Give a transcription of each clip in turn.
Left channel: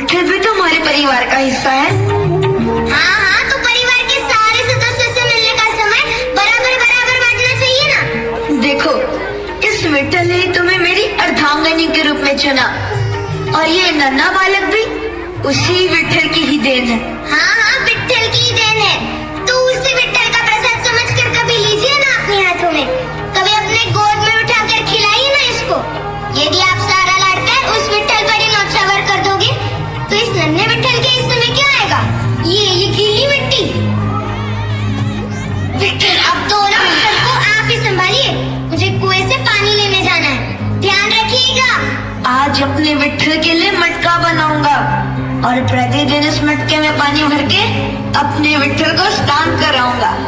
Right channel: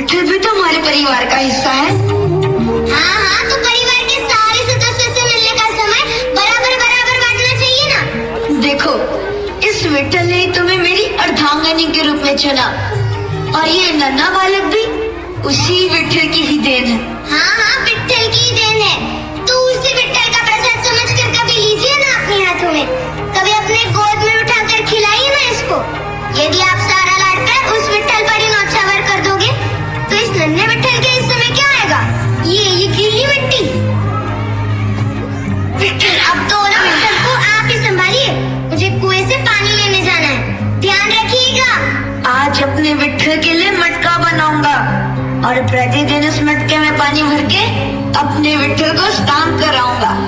विठल भी तो हमारे परिवार का हिस्सा है। हाँ हाँ, तो परिवार के सारे सदस्यों से मिलने का समय बराबर बराबर बांटना चाहिए ना। देखो, इस विठल ने तुम्हें मेरी अर्धांगिनी के रूप में चुना और ये नन्हा बालक भी उसी विठल की ही देन है। हाँ हाँ, विठल की ही देन है। तो उसी विठल का प्रसाद समझकर कभी लीजिए ना अपने हाथों में, कभी अपने गोद में उठाकर खिलाइए ना इसको। यदि आप सारा लाड कर उस विठल पर ही नौछावर कर दोगे तो इस नन्हे विठल के हिस्से में क्या आएगा? ये गीली मिट्टी। विठल, अब तो ना विठल को आप ही संभालिए, मुझे कुएं से पानी लेने जाना है, ध्यान रखिएगा। आज अपने विठल के लिए मटका बनाऊंगा और प्रतिदिन इस मटके में पानी भर के अपने विठल को स्नान कराऊंगा।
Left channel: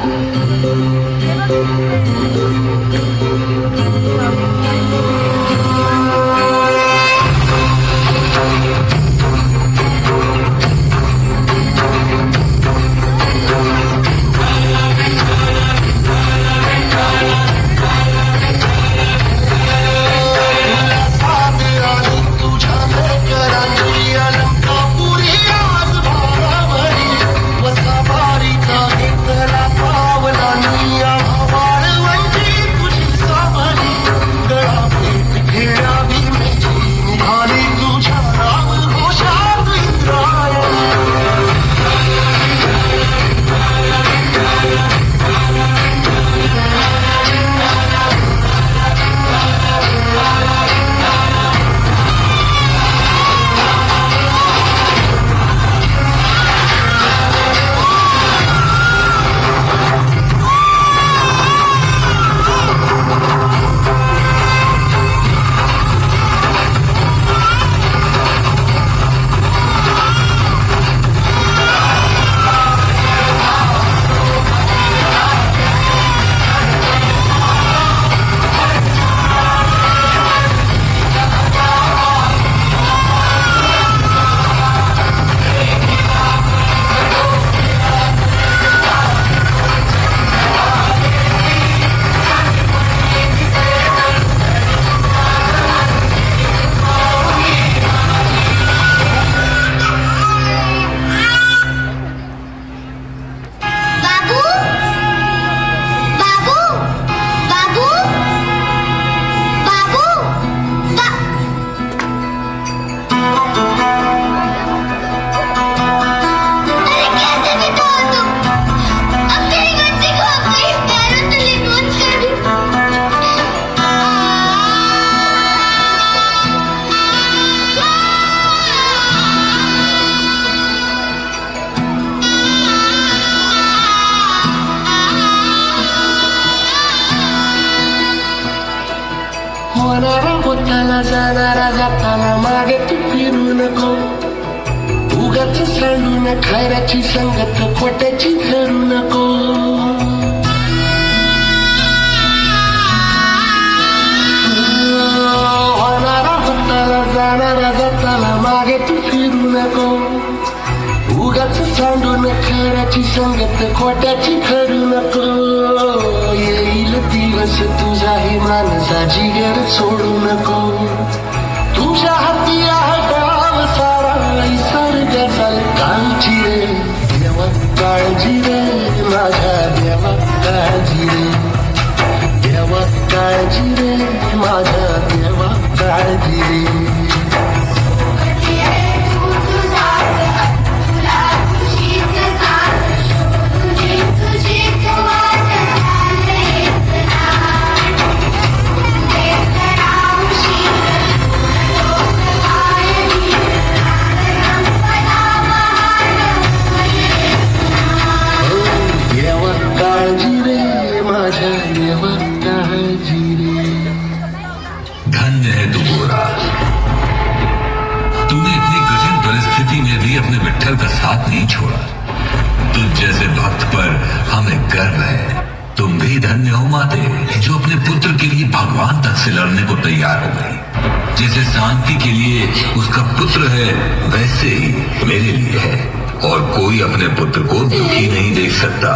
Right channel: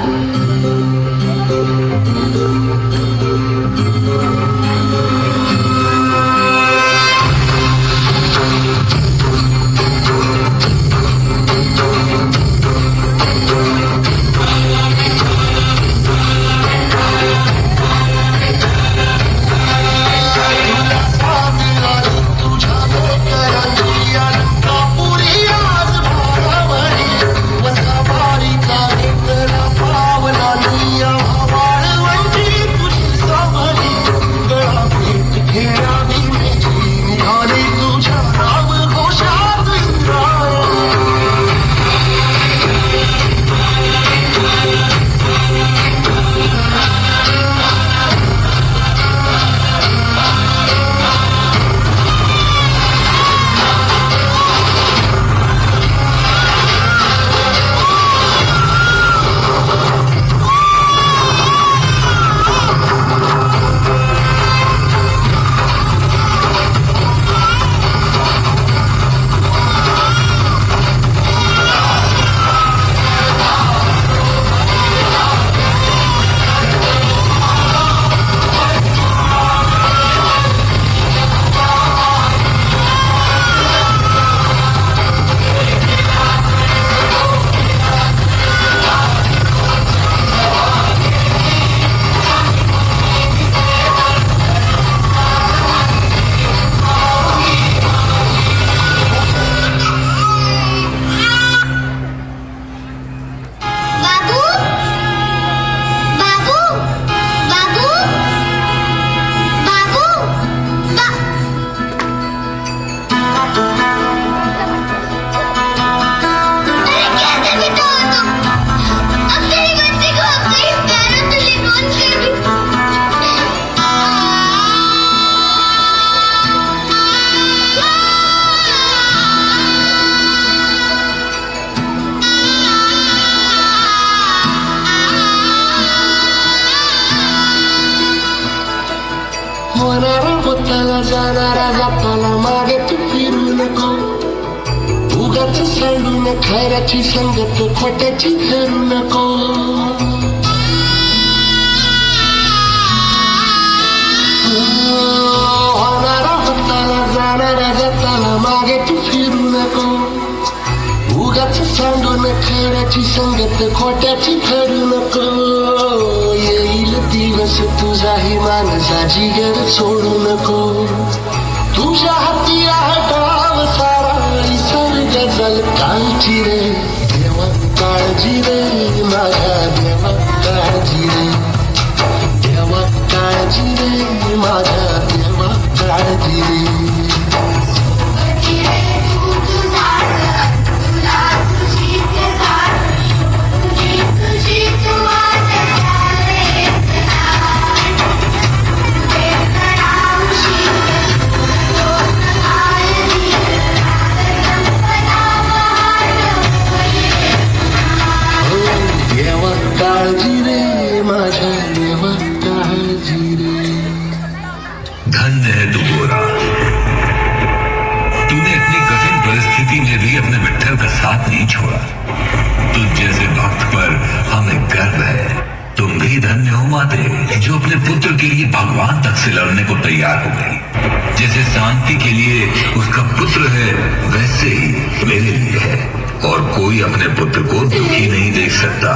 होणारा होताला जाणारा जाताला मागे तू फिरू नको, उगाच सांडून खैराची संगत खोट्याची धरू नको. होणारा होताला जाणारा जाताला मागे तू फिरू नको, उगाच सांडून खैराची संगत खोट्याची धरू नको. येईल दिवस तुझ्याही माणसा जिगर सोडू नको, तुझ्या हाती आहे डाव सारा निसर्ग चाल. काळजी रे देवा काळजी रे, माझ्या देवा काळजी रे, देवा काळजी रे, माझ्या देवा काळजी रे. धन्य है तू गोरा, तूने इतनी कठिन परिस्थिति में भी अपने विठल का साथ नहीं छोड़ा. तुझ जैसे भक्त पर हमें गर्व है. तुम भी धन्य हो माते, जो अपने पुत्र के लिए भगवान तक से लड़ने को तैयार हो गई. जैसे शांति के लिए उसका पुत्र है, वैसे ही मेरे लिए है. और कोई अपने पुत्र को दुखी नहीं देख सकता.